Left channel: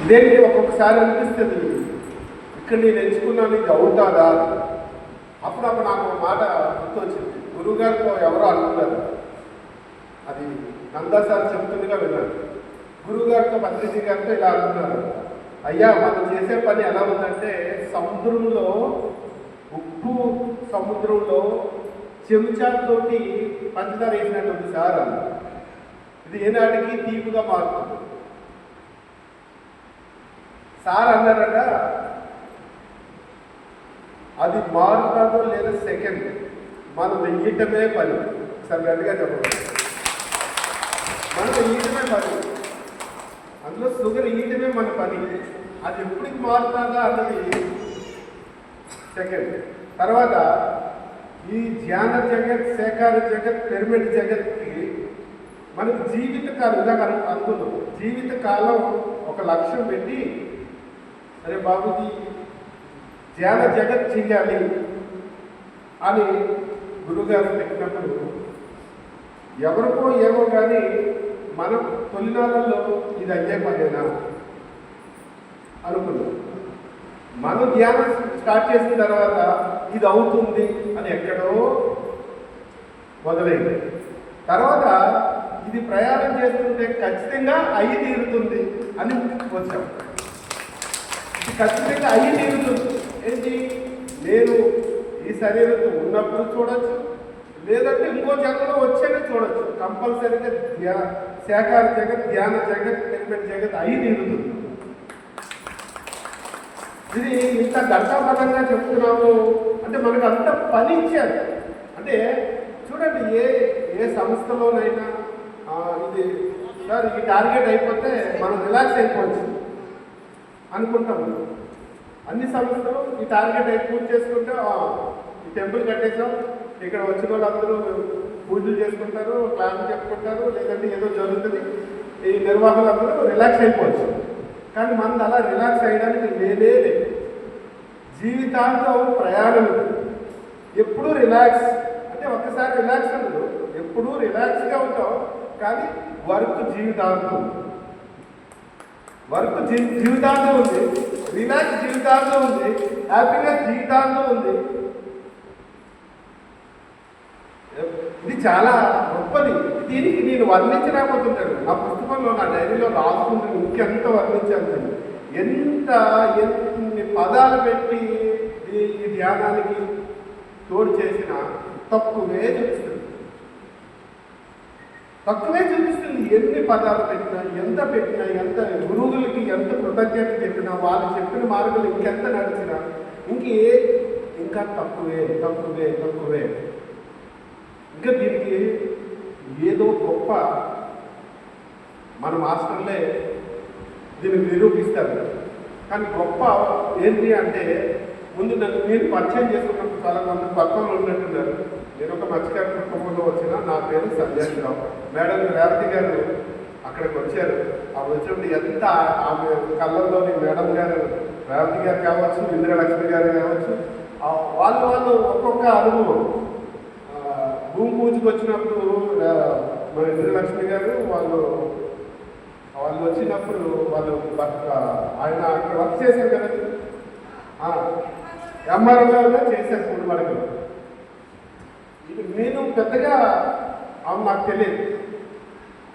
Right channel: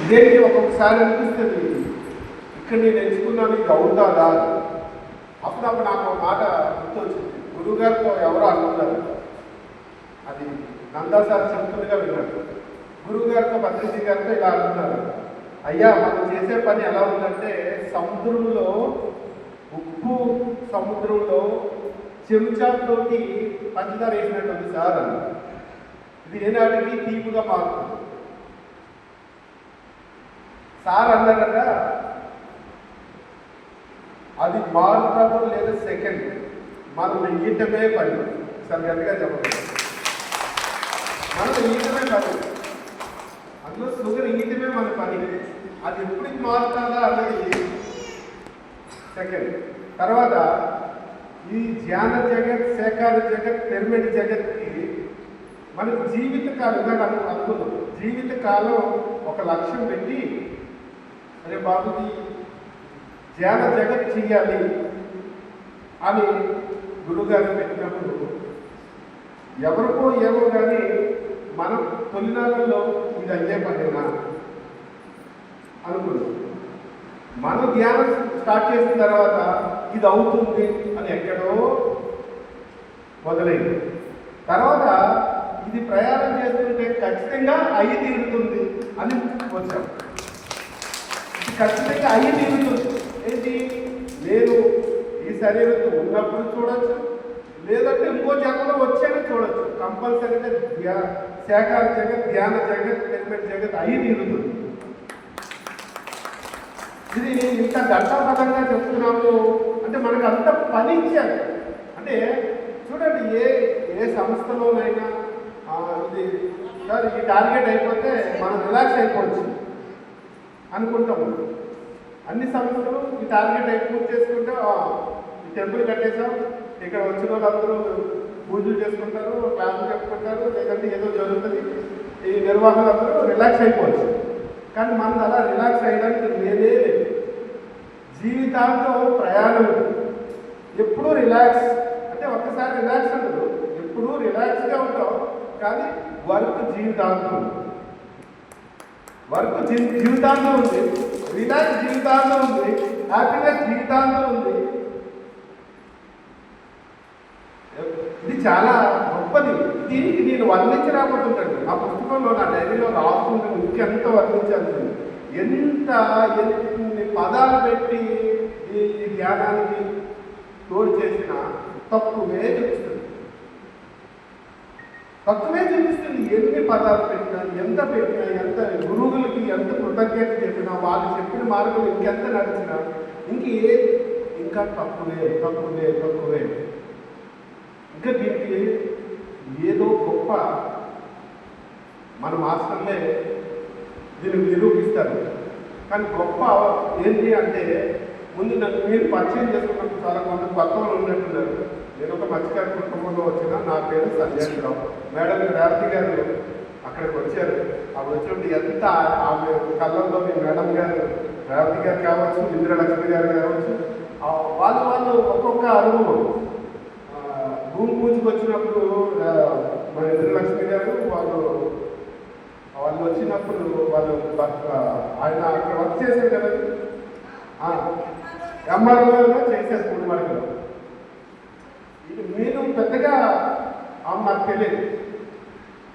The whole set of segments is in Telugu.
ఇదేంటి ఒక్కొక్కసారి అనిపిస్తుంది, ఇక్కడ నేను ఎంచుకున్నాను ఇది అవుతాదా. అప్పుడప్పుడు నాకు ఒక మాట గుర్తొచ్చింది. గురువుగారితో ఎవరో అనుకున్నారు, అది నందా సార్ చెప్తుందిగా విన్నారు. గురువుగారితో పత్రిజీ గారితో ఇలా అనుకున్నారు, అయ్యా మనం చేసే పని ఎలా ఉందంటే సముద్రంలో, ఉప్పు సముద్రంలో చెంచాతోటి పంచదార వేసినట్టు ఉంది సార్ అన్నారు. ఇది ఏనాటికి తీపుగా మారుతుంది. సార్ అన్నారట, అది మారుతుందో లేదా సెకండ్, మనం వెయ్యటమే పని. సార్ గట్టిగా చెప్పండి, మనం వెయ్యటమే పని, అందులో షుగర్ ఇయ్యటమే మన పని. అది ఎప్పటికి మారుతుందా అన్నది సెకండ్. తర్వాత ఈ ధ్యాన జగత్, సేకార జగత్, పిరమిడ్ జగత్కి మనకు జీవితకాలంగా అనుకున్నాం. జీవితకాలం ఒక లక్ష్యం పెట్టి, అరే బాబుది ధ్యాన జగత్ చెయ్యాలి అని గురుగారు పెట్టినప్పుడు ఎవరికో ఏమో కానీ మనం తొలినాళ్ళలో ఇది అయ్యే పనేనా అనుకున్నాం. మనం ధ్యానం స్టార్ట్ చేసిన తర్వాత ఇది అవుతుంది అని ఎక్కడో మొదలైంది. తర్వాత ఇది ప్రయాణం చేస్తుంటే ఖచ్చితంగా అయి తీరుతుంది అని వచ్చాం. ఇది ఖచ్చితంగా అయి తీరుతుంది. ఏంటి, నేను ఈ శరీరంతో ఉన్నప్పుడు చూడొచ్చు, లేదంటే ఇంకో జగత్లో వచ్చాక చూడొచ్చు. కంపల్సరీగా శాఖార జగత్, ధ్యాన జగత్, పిరమిడ్ జగత్ అయి తీరుతుంది. ఇది ఇంత ఘట్టపదంగా చెప్తున్నాము అంటే మనకు అంత పని ఇచ్చారు. అంటే చూడండి, ఏ సంస్థలోనైనా ఇది సార్ ఈ టార్గెట్ అయిపోతే మనం రిలాక్స్ అయిపోవచ్చు అనుకుంటాము. అన్ని సంస్థలు ఈ టార్గెట్ పూర్తి చేసుకుంటే ఈ టెంపుల్ కట్టేసాం, ఇక్కడ వచ్చిన వాళ్ళందరూ పూజలు చేసుకుంటారు, ప్లాన్ చెప్పుకుంటారు, లేదంటే ఏదో జరుగుతుంది, ఈ నిర్వాహకులందరూ రిలాక్స్ అయిపోవచ్చు. కానీ మనం అలా రిలాక్స్ అయ్యడానికి లేదే లేదు. జీవితాంతో ప్రయాణం ఎప్పుడూ రిలాక్స్ అంటే ఒక్కసారి రిలాక్స్ ఉండదు, ఎప్పుడూ రిలాక్స్గా ఉంటాం. కానీ వర్క్ జీవితాంతం, వర్క్ జీవితాంతం ఉంది, రిలాక్స్ జీవితాంతం ఉంది, హ్యాపీనెస్ జీవితాంతం ఉంది. ఇది చాలా గొప్పది. దీనికి నేను వర్ణించలేకపోతుంటాను. నా పుస్తకంలో, నా డైరీలో రాసుకుంటాను ఇంకెంత వర్ణించాను. ఎంత ఎన్ని పదాలు పెట్టి ఈ ధ్యానానికి తోడు చేసిన తక్కువే చూపిస్తుంది, తక్కువే చూపిస్తుంది. ఎన్ని పదాలు పెట్టినా, ఎంత పెట్టినా, ఎంత గురువులకి ఎంత కృతజ్ఞత చెప్పినా, వాళ్ళు చెప్పిన మార్గం ఇంకెంత నడిచినా ఇంకా తక్కువే తక్కువే తక్కువే. ఇంకా దీనికి ఏదో గొప్ప మన మాస్టర్లే దీన్ని నిరూపిస్తారు. కానీ గొప్ప ఏంటి అంటే, ముందు నన్ను మీరు పరిచయం చేసుకున్నప్పుడు చాలా మంది తక్కువలో ఉన్నట్టున్నారు. నేను ఒక మత్స్యకార కుటుంబంలో వచ్చిన, నా పేరు సంజయ్ రావు. మేడం రేవతి గారు అక్కడికి వచ్చారు. అవి వచ్చినప్పుడు ఎంత ఆమె కళ్ళల్లోని మేడం గారు, రేవతి గారు కావచ్చు, ఇందిరాలక్ష్మి గారు కావచ్చు, వాళ్ళు ఒక్కొక్క అనుభవం. భూమి పూజకు వచ్చినప్పుడు మన ఇంద్రలక్ష్మి గారు వాళ్ళు వచ్చినప్పుడు వాళ్ళు ఆయన అక్కడ వర్క్ చేశారు కదా, ఎంఆర్ఓగా చేసేస్తుంది. మనకు ఇది మీరు పెద్దగా నాకు తెలియదు,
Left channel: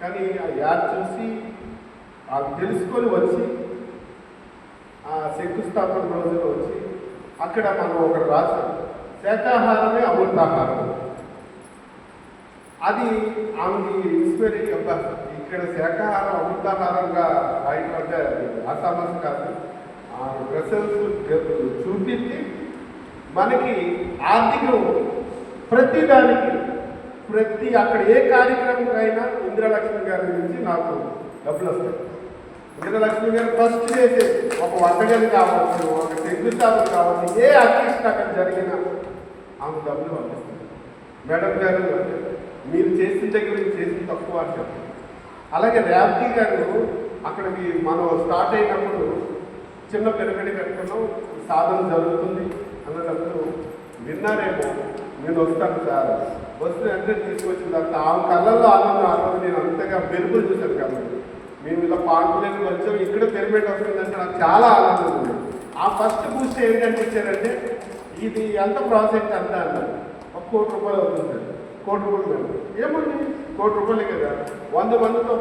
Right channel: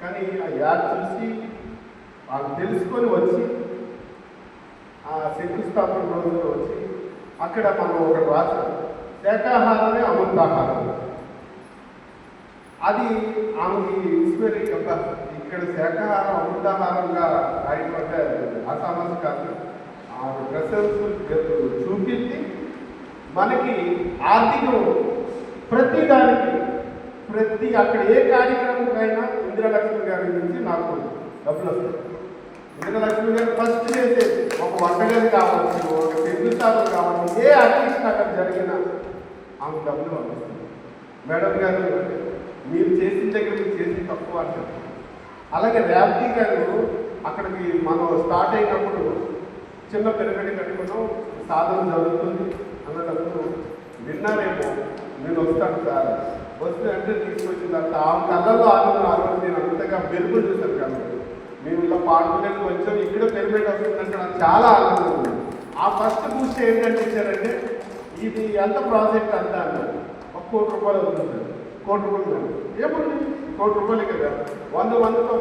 కానీ ఆ యాడ్ చూసి అది తెలుసుకొని వచ్చి ఆ శంకుస్థాపన రోజుల్లో వచ్చి అక్కడ మనం ఒకటి రాసాం, శాకాహారమే అమృతాహారం. అది ఆమెకి ఇన్స్పైరీ ఒక ఇక్కడ శాకాహారం అమృతాహారంగా రాయపడ్డే అసామాస కాదు. ఆ రిసల్ట్స్ చూపించి మనకి ఆర్థికం ప్రతి అక్కడ ఏ కార్యక్రమంకైనా ఇందిరాలక్ష్మి గారి నుంచి నాకు డబ్బులు వస్తాయి. ఇందిరాలక్ష్మి గారు ఫస్ట్ చేసే ఒక వంటగది కావచ్చు, ఒక శంకుస్థాపన కావచ్చు, ఏ ఆర్టిస్ట్ అక్కడ జరిగినా ఆమె డబ్బులు వస్తుంది. మేడం గారు మీరు చేసిన దగ్గర చేసిన తక్కువ అని చెప్పారు. అలాగే రేవతి గారు అక్కడికి మనం స్టార్ట్ అయినప్పుడు చిన్న పిల్లగడి కట్టుకున్నాం, సాధన జరుగుతుంది అన్నప్పుడు విన్నారేమో, నేను వస్తాను సార్, వస్తే అంటే తీసుకొచ్చిన తర్వాత ఆమె కళ్ళల్లో ఆనందం నేను అంతగా వెలుగులు చూశాను. కాబట్టి మేము ఇలా పాడుకునేది కొంచెం ఇక్కడ పిరమిడ్ వస్తుందంటే నాకు చాలా ఆనందం ఉంది. ఆ ఫస్ట్ బూస్ట్ ఏంటంటే ఇచ్చారంటే ఇది ఎంత ప్రాజెక్ట్ అంతా అన్నారు. ₹1,00,00,000 అవుతుంది. ₹1,00,00,000 ఏముంది ₹1,00,00,000 కదా 100 మందితో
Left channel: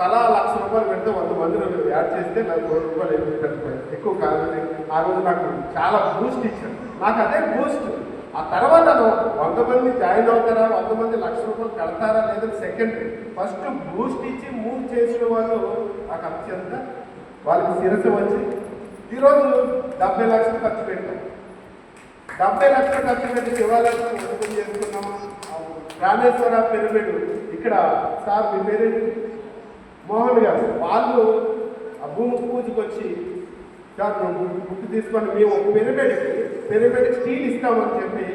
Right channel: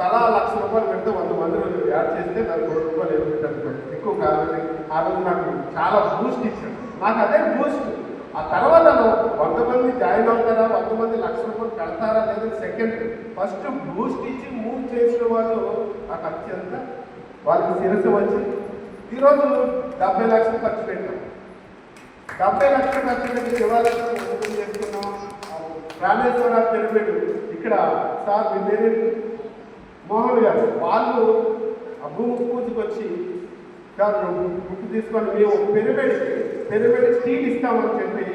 తలా ₹1,00,000 పెడితే 100 మందిని యాడ్ చేస్తే నాకు ₹1,00,00,000 అయిపోతుంది. ఎక్కువ కాదని ఆ రోజు నాకు చాలా బూస్ట్ ఇచ్చారు. నాకు అదే బూస్ట్. ఆ తర్వాత 100 మంది జాయిన్ అవుతారా, 100 మంది ₹1,00,000 కడతారా అనేది సెకండరీ. ఫస్ట్ బూస్ట్ ఇచ్చి మూవ్ చేసిన వాళ్ళు ఆ ఖర్చు ఎంత వాళ్ళకి శిరస్సు వచ్చి ఈరోజు 70 లక్షలు ఖర్చు పెట్టాం. 70 లక్షలు ఖర్చు పెట్టి శివాలయం ఓపెన్ చేస్తున్నాం. రామేశ్వర పిరమిడ్ ఇక్కడ సార్ మీ పేరు మోహన్ గారు వాళ్ళు ఆ భూమి పూజకు వచ్చి బుక్ తీసుకొని మేము పిరమిడ్ స్టీల్ ఇస్తామని చెప్పి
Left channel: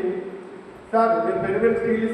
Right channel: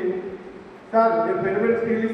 సార్ మేము పిరమిడ్ స్టీల్